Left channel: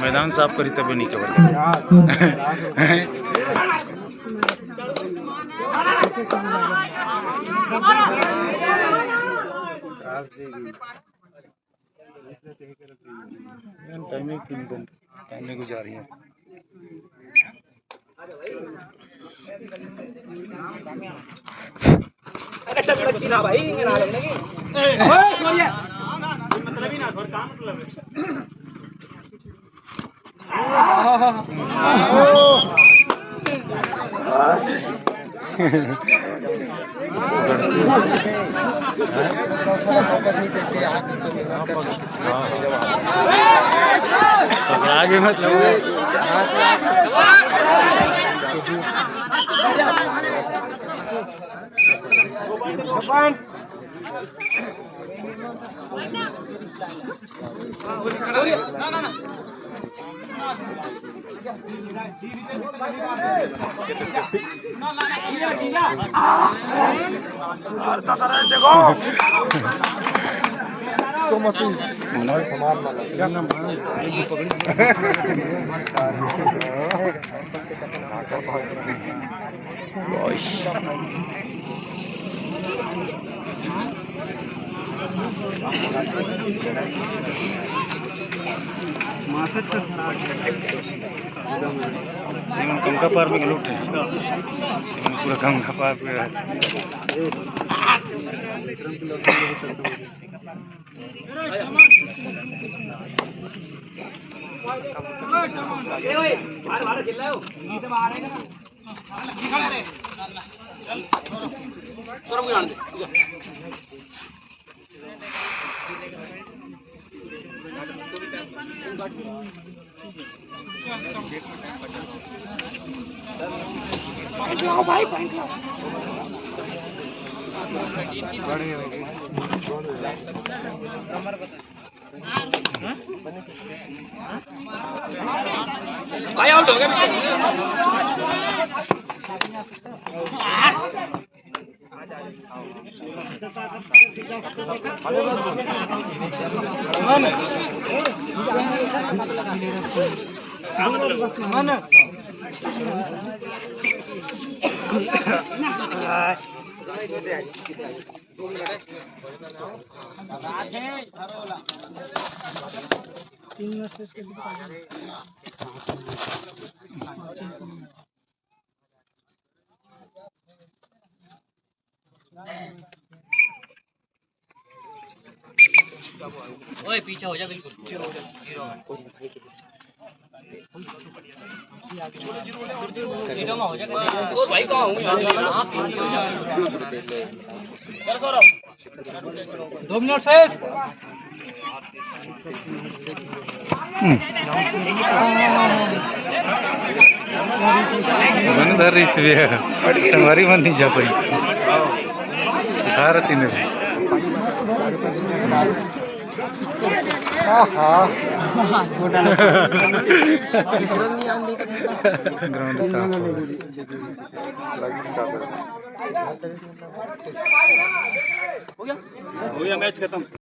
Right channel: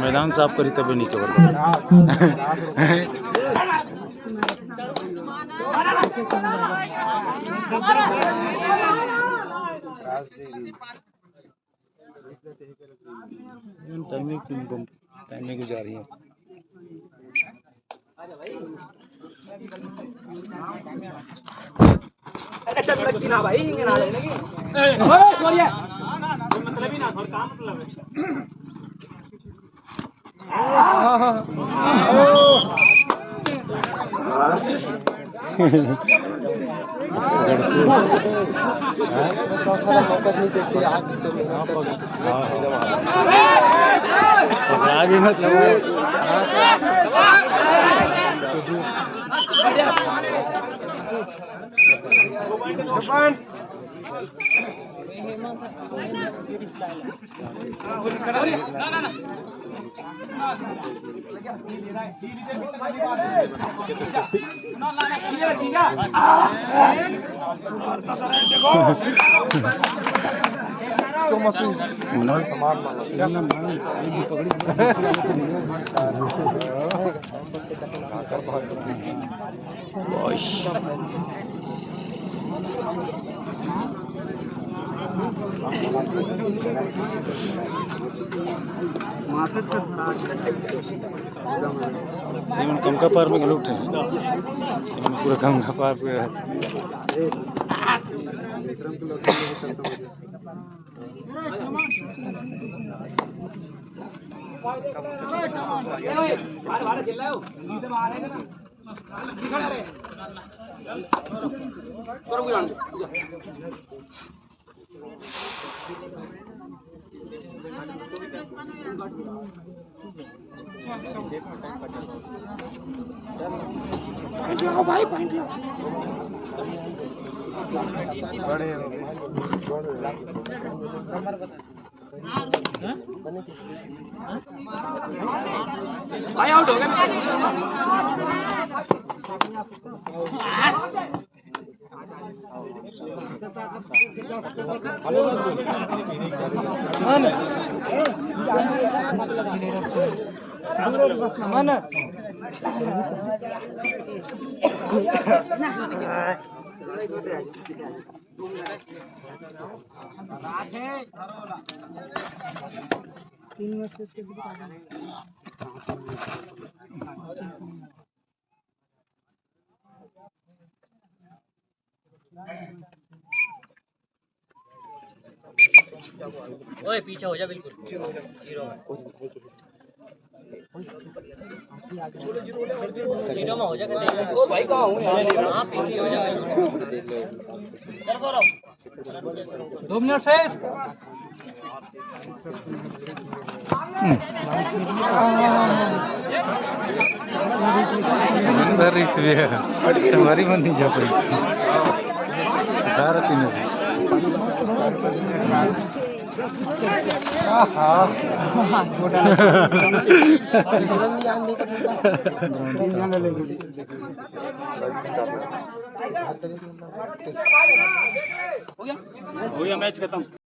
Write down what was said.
मैदान साफ करी तभी नहीं कवर टाइमिंग जा रही है। अरे चल ना भाई ना लगी मतलब ही ना थोड़ा काम मतलब आगे मतलब गंगा पार में उठे पूरा गंगा पार पे भाई भाई आउट हो गया ओए पीछे हो जा बिल्कुल जीरो में हो जाएगा ओ भाई कहां हूं यार हां पीछे हो जा चल सौरभ 2 मिनट शेष हमारी मन नहीं जा पाई भारत में ग्राउंड हो गया मैच खत्म।